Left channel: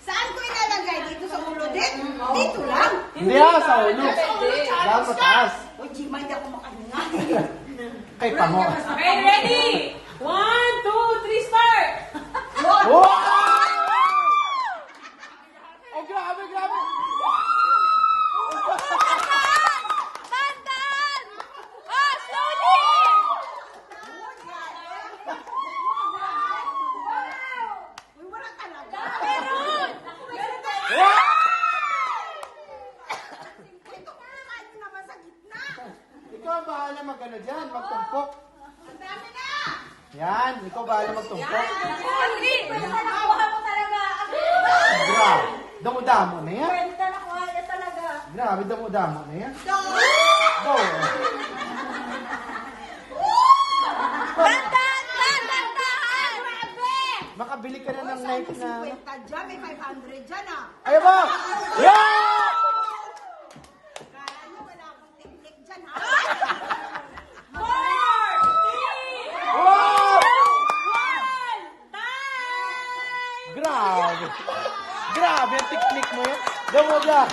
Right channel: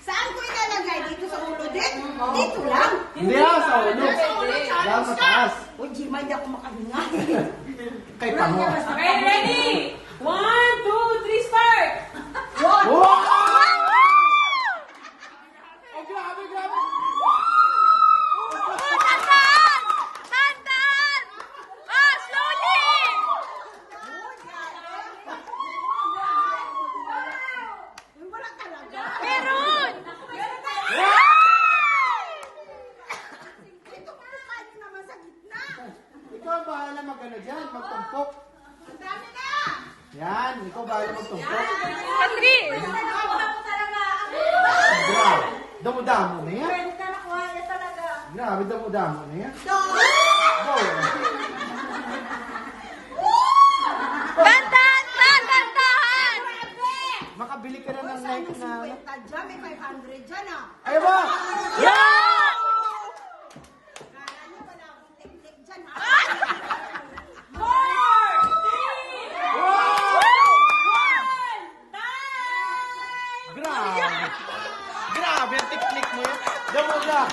Saan ko ilalagay? Dito sa ulo din? Dito lang. Hindi sa ulo. Lang mataas. Uy, Jima, hindi ako makahinga. Kay pango. Okay, ready? 1, 2, 3, start! Oh! Oh, grabe, grabe. Tandaan! Ah, slowly! Uy, wala talaga. Meron! Ito ko kain naman sa gitna. Ikaw ang bahala mag-ano dyan, magtumpok. Ang dami na. Yan, ikaw bahala magtumpok. Katri! Grabe. Damo-damo na yan. Pwede ka na kumain talaga. Grabe, damo-damo na yan. Go. Tandaan! Tandaan! Makabili ka rin ng Saan knife mo na... 50 dyan? May 500 dyan ah. Ayaw ba? Yeah! Kaya niyo wala akong teknik dyan ha. 4, 3, Wow! 1, time! Grabe. Grabe, ang tiklik mo. Damo-damo.